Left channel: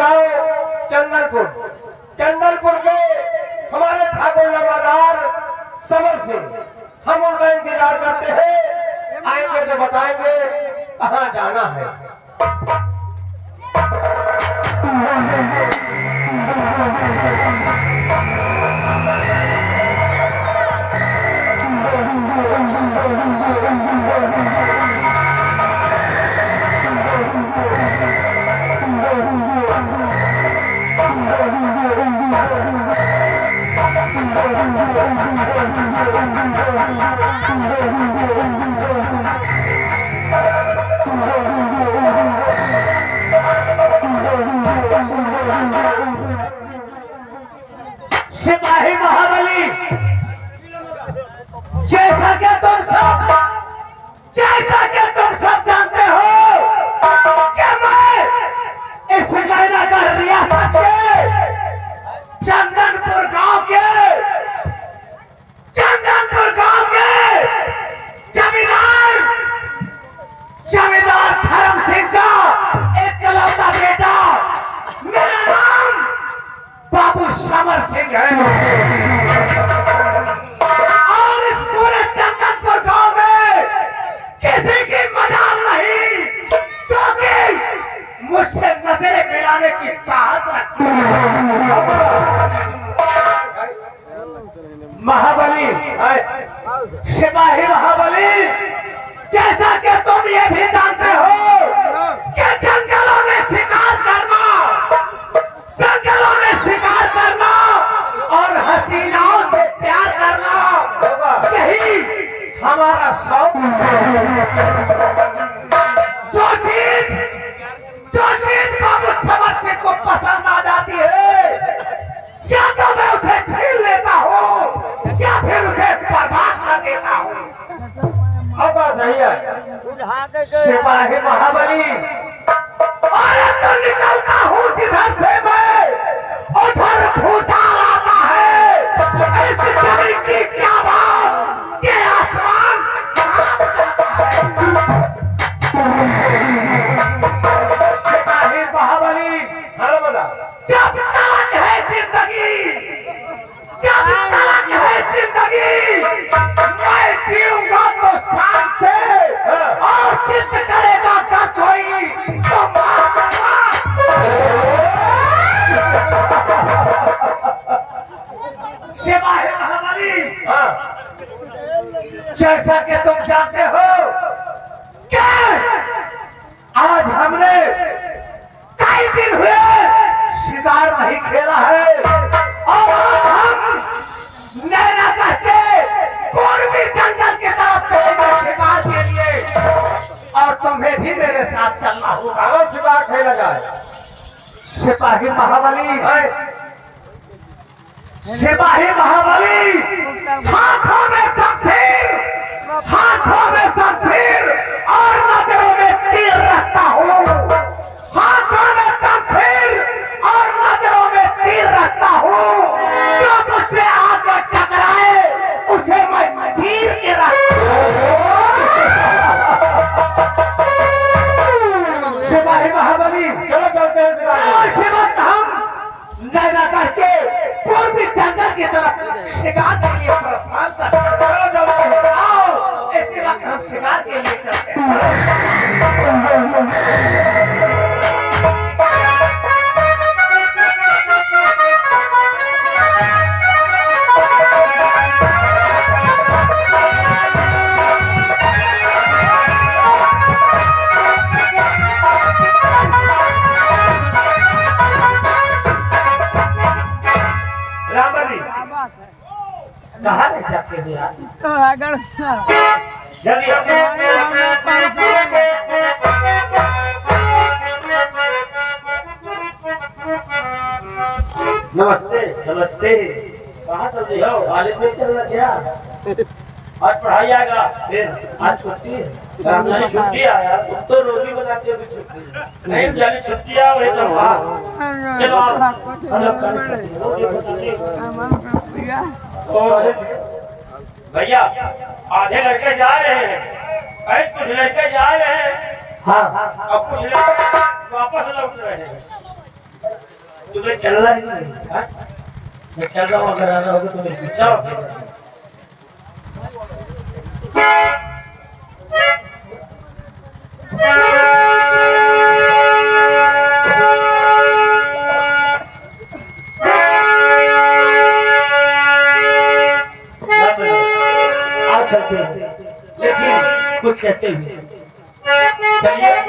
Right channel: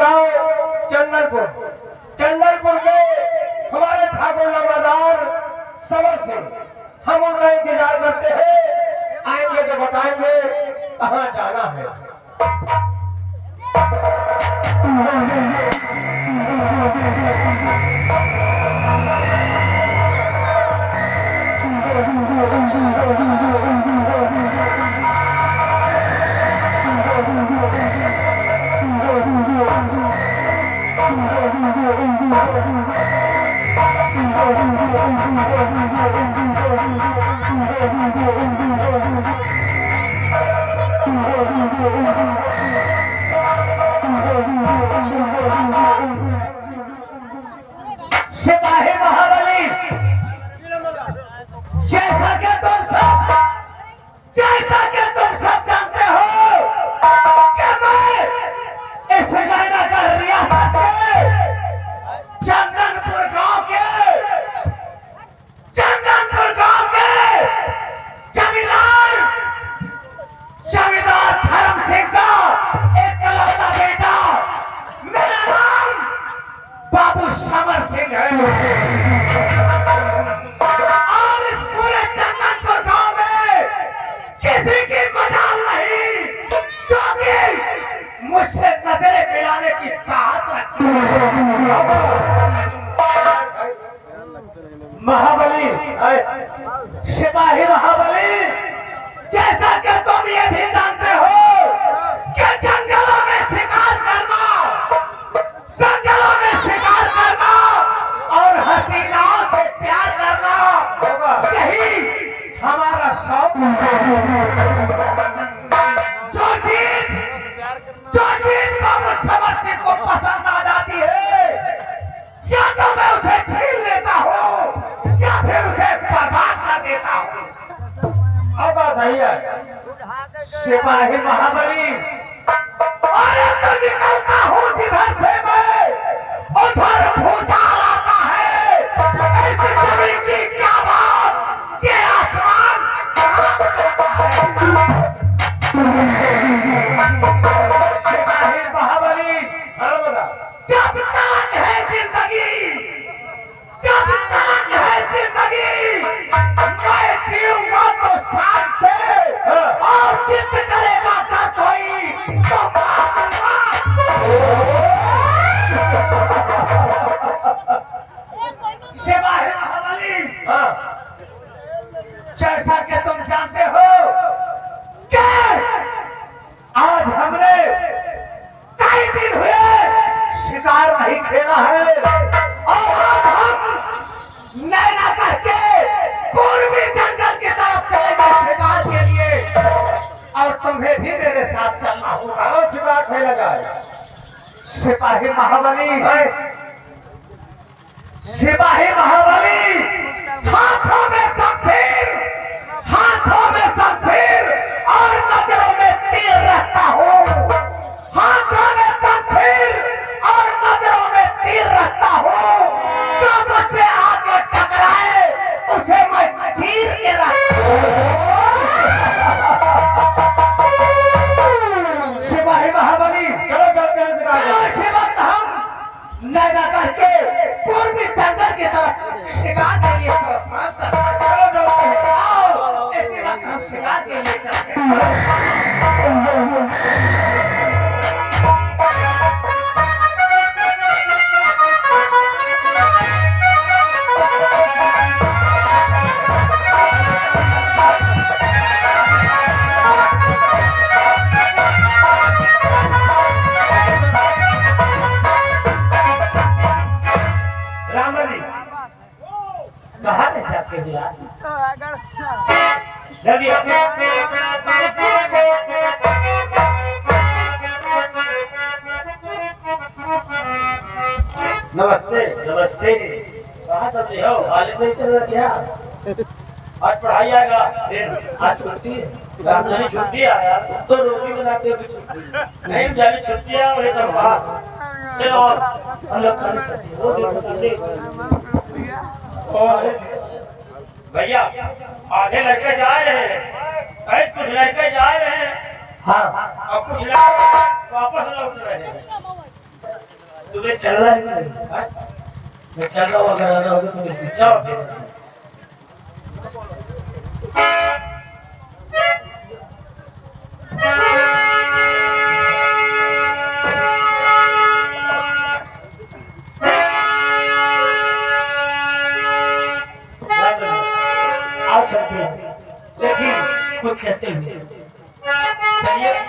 गांव चंदनपुर। चंदनपुर के हमारे ठाकुर नवादार समर सिंह, हम उनका इंतजार करते हैं। आएंगे तो बताएंगे कहाँ जाना है। सिपाही महाबली, जैसा कि तुम सब जानते हो कि मैं इस नैनागढ़ रियासत के चंदनपुर गांव के जमींदार धर्म सिंह का एकलौता बेटा, मेरा नाम बाबू समर सिंह है। और इस पूरे चंदनपुर गांव में किसी की मजाल नहीं जो कि मुझसे नजरें मिलाने की साहस रखती है। महाबली, सिपाही महाबली, जैसा कि तुम ये भी जानते हो कि जंगलों में शिकार करना और हसीनाओं से प्यार करना, यही हमारा शौक है। जो चीज बाबू समर सिंह को पसंद आ जाती है, या तो मैं उसे छीन लेता हूँ या फिर उसे बर्बाद कर देता हूँ। सही है सिपाही महाबली। अरे तो निकलता हूँ जिधर से मैं, उधर भूचाल आता है। ऐसी जमीन की क्या बात, ये आसमान सिपाही महाबली। जब तलक है जिंदगी, मैं जीऊंगा तो शान से, और जिद करेगा का कोई तो सिपाही महाबली, जैसा कि तुम जानते हो कि आज हमने कई दिन हुए शिकार नहीं खेला है, और आज हम नैनागढ़ के पूर्वी जंगल की तरफ चलेंगे शिकार के लिए, और तुम्हें भी मेरे साथ चलना होगा। शिकार खेलेगा सिपाही महाबली। हाथों में शमशीर और नजरों में तीर रखता हूँ। जो मुझसे आगे टकराए उसे मैं चीर के सिपाही महाबली, इसी वक्त हम नैनागढ़ के पूर्वी जंगल की तरफ शिकार के लिए प्रस्थान करते हैं। इसी वक्त हम शिकार के लिए चलते हैं। कहाँ ले जाते हो यार? जल्दी नमस्ते। कहाँ चलते हो? कॉलेज में चल रहा क्या? आज पढ़ाई आएगा, फिर आज छुट्टी है। नहीं छुट्टी आया तो रोटी बनाते हो छुट्टी नहीं, जानी छुट्टी है वही करवा। चलो हम लोग कल चलते हैं। भैया आधे लड़के जा रहे हैं, कुछ लड़के जा रहे हैं, हाँ, और कुछ लड़के वापस लौट रहे हैं। तुम्हें चलना है कि नहीं? हाँ? मैं चल रहा हूँ, अगर आना होगा तो चलो फिर। आज चलते हैं, लेकिन कुछ कहते हैं। चलिए।